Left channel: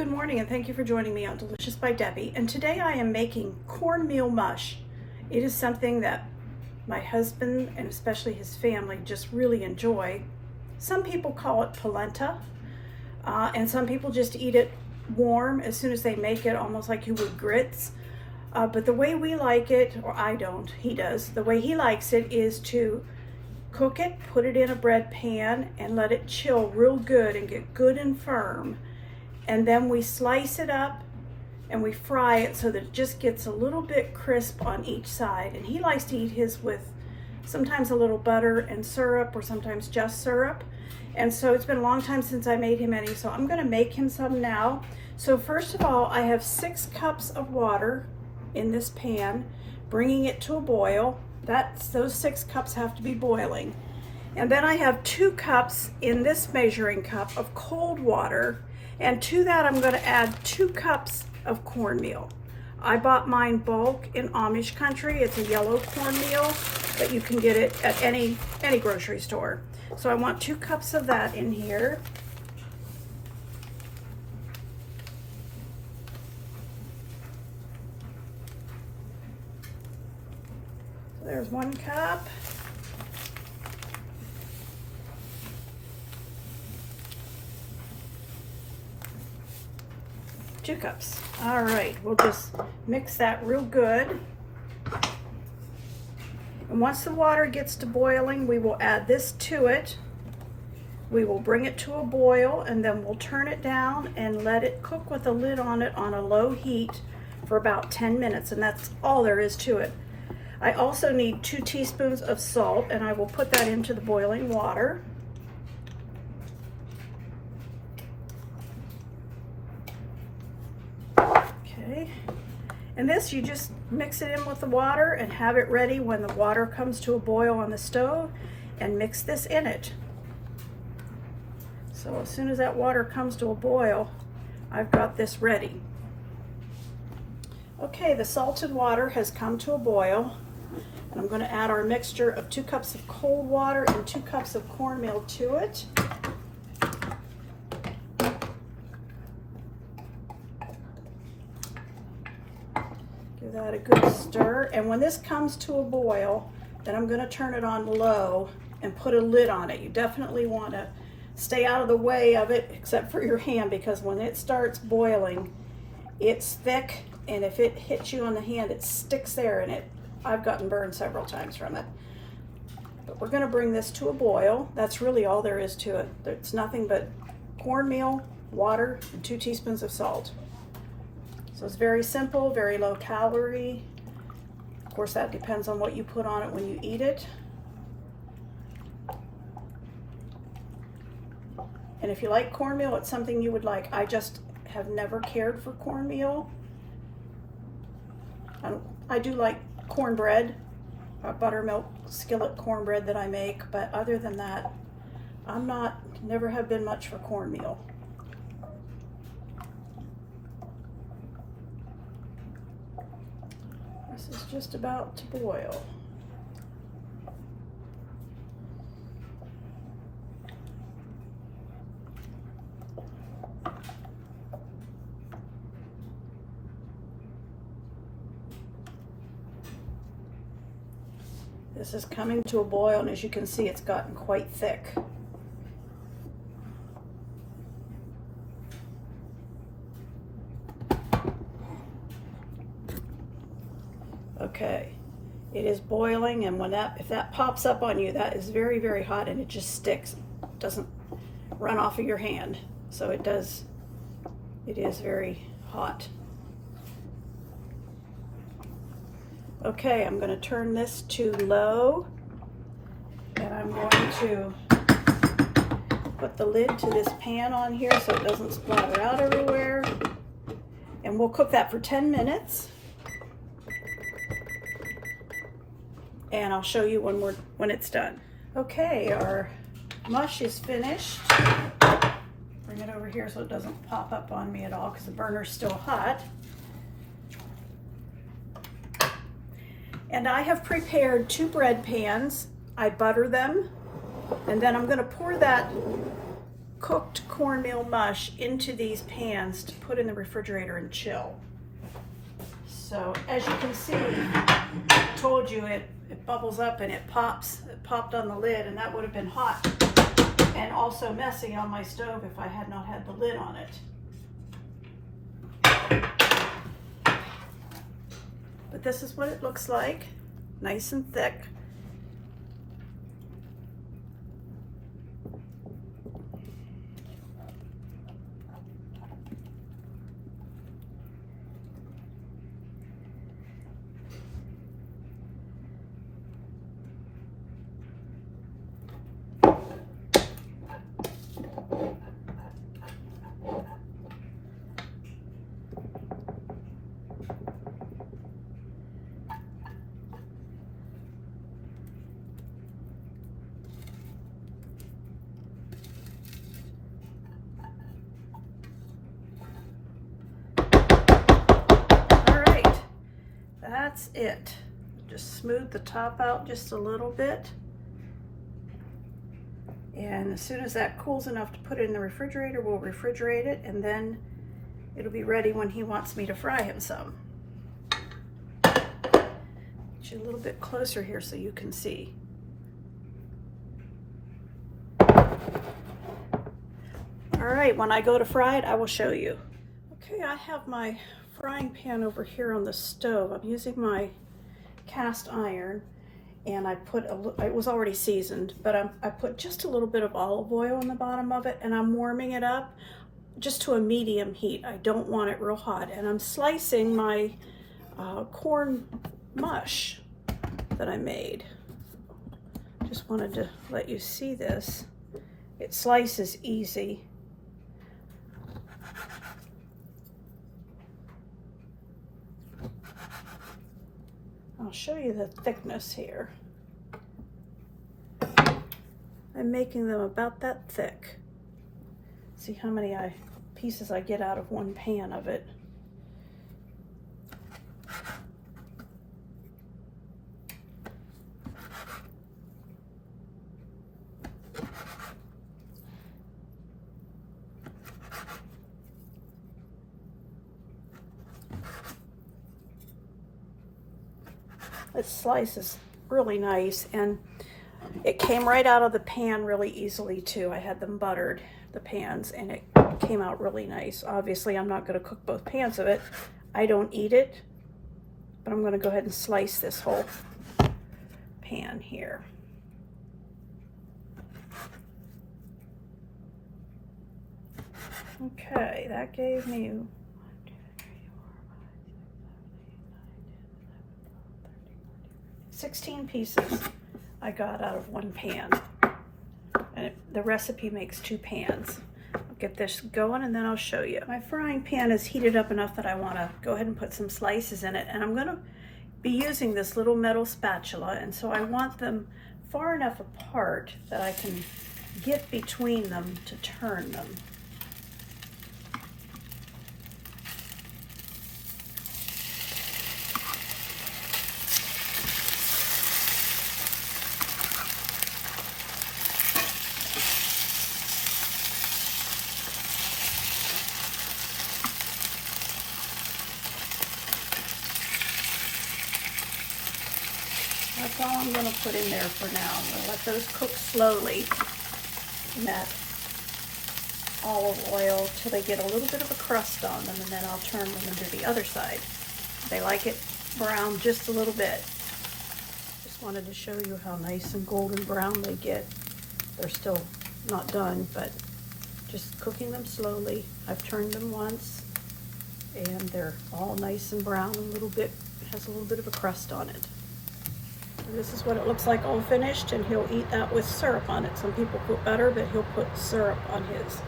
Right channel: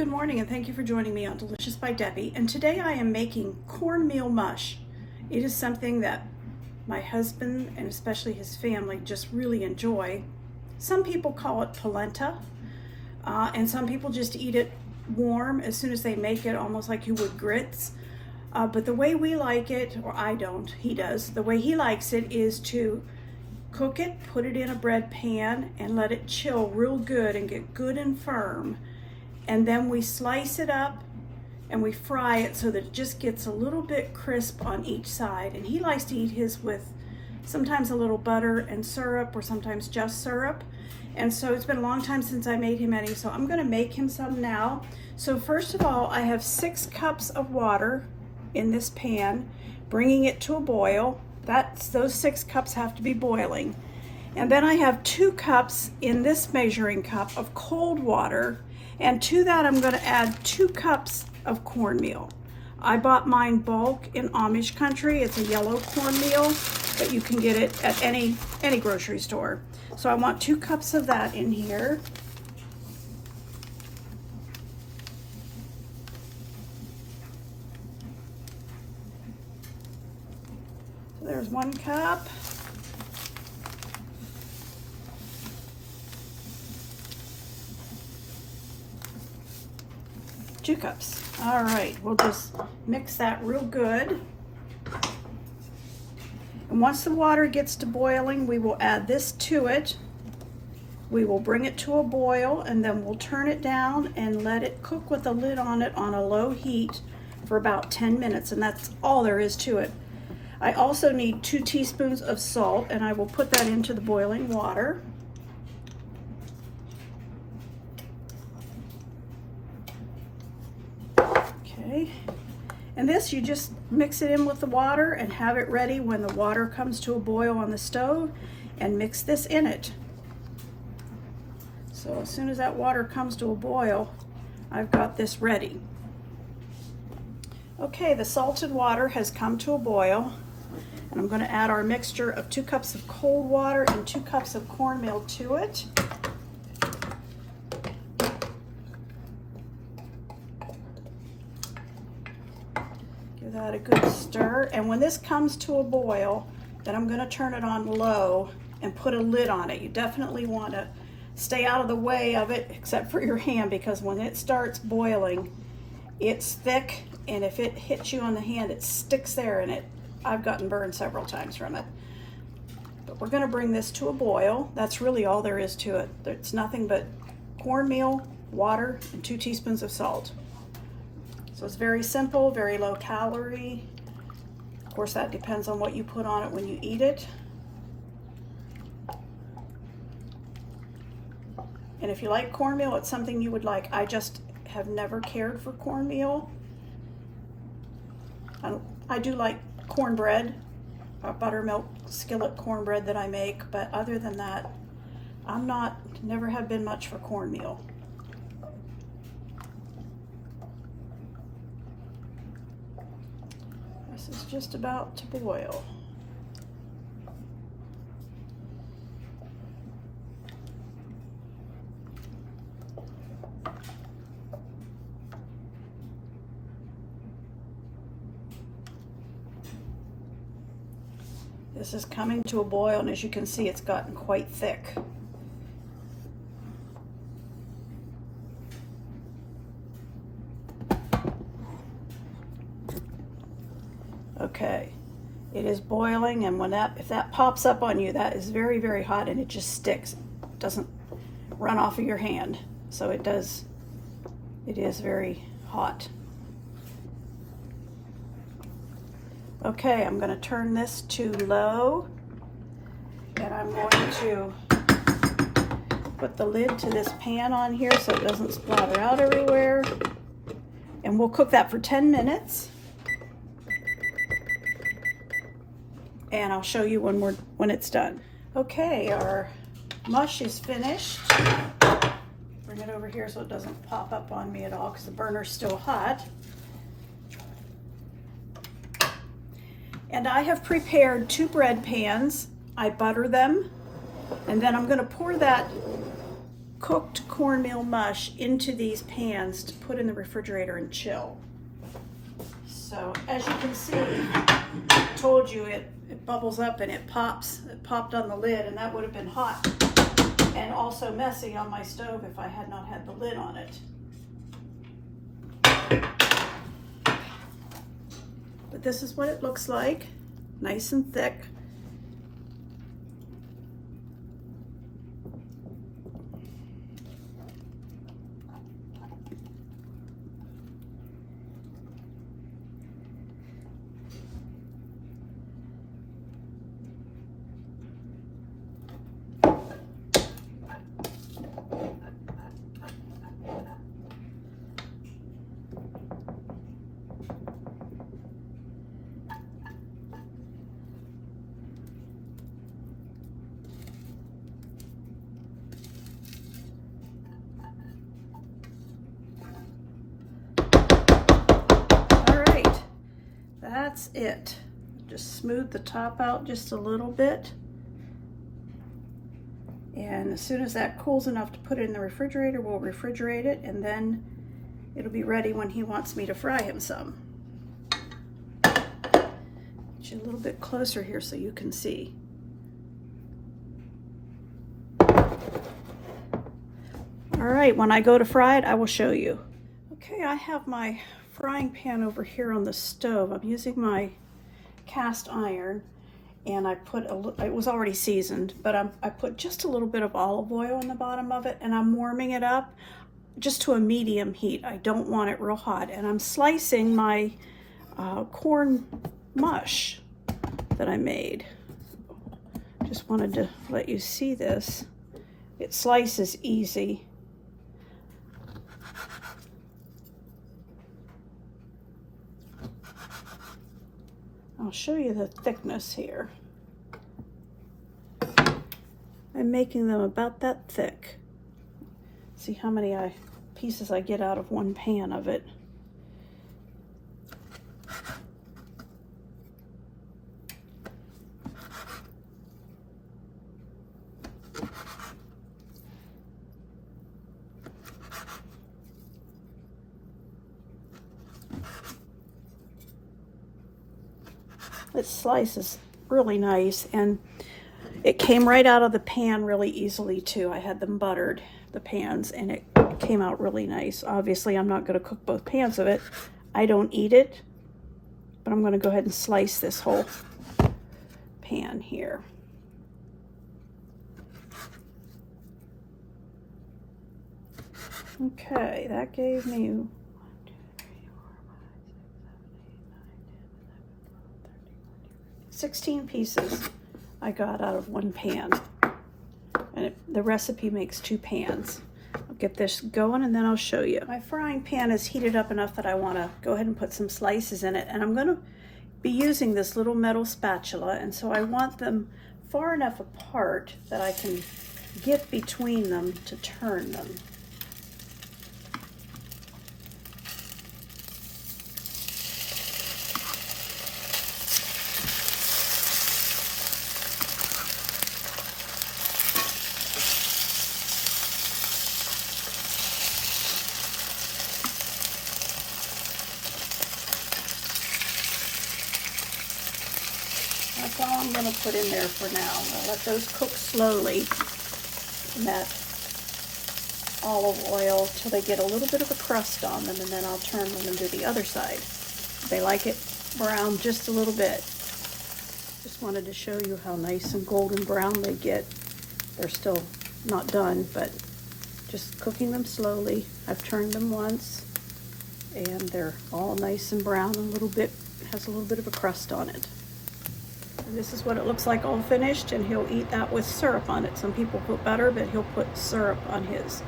Good morning and thank you for joining me on Delicious by Debbie. And today I am making cornmeal mush. It is something that my husband and especially his family just really enjoy. Some people call it polenta and some people just eat it warm as soon as they make it, almost like you would grits. But the way we like it, or I don't, he does, the way he likes it is to cook it, put it in a bread pan and let it chill real good and get good and firm. And then we slice it up and we fry it so that it just gets a little bit crisp on each side. And he likes to eat his with sometimes a little butter and syrup or sometimes just syrup. And so it's been a long time since I made him any, so I'm gonna make him some now. So first of all, I have 6 cups of water in this pan, bringing it to a boil. Those 6 cups have to be boiling. And then I have 2 cups in this measuring cup of cold water. And to that, I'm going to add 2 cups of cornmeal. I bought mine bulk in Amish country. It's a yellow cornmeal, but you can get it at any grocery store. So I want 2 cups of that in here. So there's 1 cup. Two cups. All right, we'll just mix that real good. And once the water gets to boiling, we will add this to it. We will bring it to a boil and then we'll turn it down and let it cook with the lid on it on a low heat for about 10 minutes, and that's all there is to it. I also need 2 teaspoons of salt, and I will put that into the boiling water. Okay, and this you just mix it in with the water and have it ready when the water comes to a boil on the stove, and mix this in it. So as soon as that water comes to a boil, I've got this ready. Okay, the salted water has come to a boil, and I'm going to add our mixture of 2 cups of cold water and 2 cups of cornmeal to it. Give that a good stir, and when this comes to a boil, then I'm going to turn it on low and put a lid on it. You definitely want to stay out of the way of it, except for your hand, because when it starts boiling, it's thick, and if it hits you on the hand, it sticks there, and I've gotten burned several times from it. But we're going to bring this to a boil. That's really all there is to it. It's nothing but cornmeal, water, and 2 teaspoons of salt. So it's very simple, very low calorie. Of course, that depends on what you put on it when you eat it. And if you like cornmeal, it's something you would like. I just have never cared for cornmeal. I do like cornbread, buttermilk skillet cornbread that I make, but other than that, never have been much for cornmeal. This is just about to boil. This is coming to a boil, and as you can see, it's gotten quite thick. Okay, it is boiling, and if that pops up on you, that is very, very hot, and it just sticks. It doesn't run off of your hand. So it is very hot. Okay, I'm going to turn this to low, and I'm going to put the lid to this pan on here so it doesn't splatter out everywhere. And we'll cook that for 10 minutes. And I'll show you when it's done. Okay, our mush is finished. Bring it over here so it doesn't pop up on me at all because the burner's still hot. And I have prepared 2 bread pans. I butter them, and then I'm going to pour that cooked cornmeal mush into these pans to put in the refrigerator and chill. So as you can see, I told you it bubbles up and it pops. It popped on the lid, and that would have been hot and also messy on my stove if I had not had the lid on it. But this is what it looks like, nice and thick. That's it. Just smooth the top out just a little bit. And as soon as that cools enough to put it in the refrigerator, we'll refrigerate it, and then it'll be ready when he wants me to fry him some. Get you a little bit closer here so you can see. All right, when I go to fry it, I will show you. Okay, I have my frying pan over here on the stove. I'm using my cast iron, and I put it was already seasoned, but I put just a little bit of olive oil on the bottom of it, and I'm warming it up just to a medium heat. I don't want it real hot, and I'm slicing my corn mush that I made. Just wanted to let you see this. It slices easy. I'll show you the thickness here. I'm making them about that thick. See how many pieces I get out of one pan of it. This slice is really nice, and it came right out of the pan really easily too. I had them buttered, the pans, and it came out really nice. Obviously, I'm not going to cook both pans of it. I don't eat it, but I'm going to go ahead and slice this whole pan here. Okay, that gave me 16 pieces I got out of one pan, and the recipe makes 2 pans. I'll get this going and then I'll show you. My frying pan is heated up enough that I want to go ahead and put some slices in it, and I'm going to be using this little metal spatula, and so I want them far enough apart that I can get between them to turn them. That's all I'm going to put in there for now. I'm going to let those cook slowly in that olive oil till they get a little bit of a crust on them, and then I'll turn them and do the other side. They like it brown just a little bit. Just wanted to show you how nice and golden brown they get. They're still not done, but just cooking them slowly. I've turned them once, and they're all nice and brown, has a little bit of a crust on it. And this is what it looks like all finished, and he'll eat that with syrup on it. Some people put butter, but he'll put syrup on his.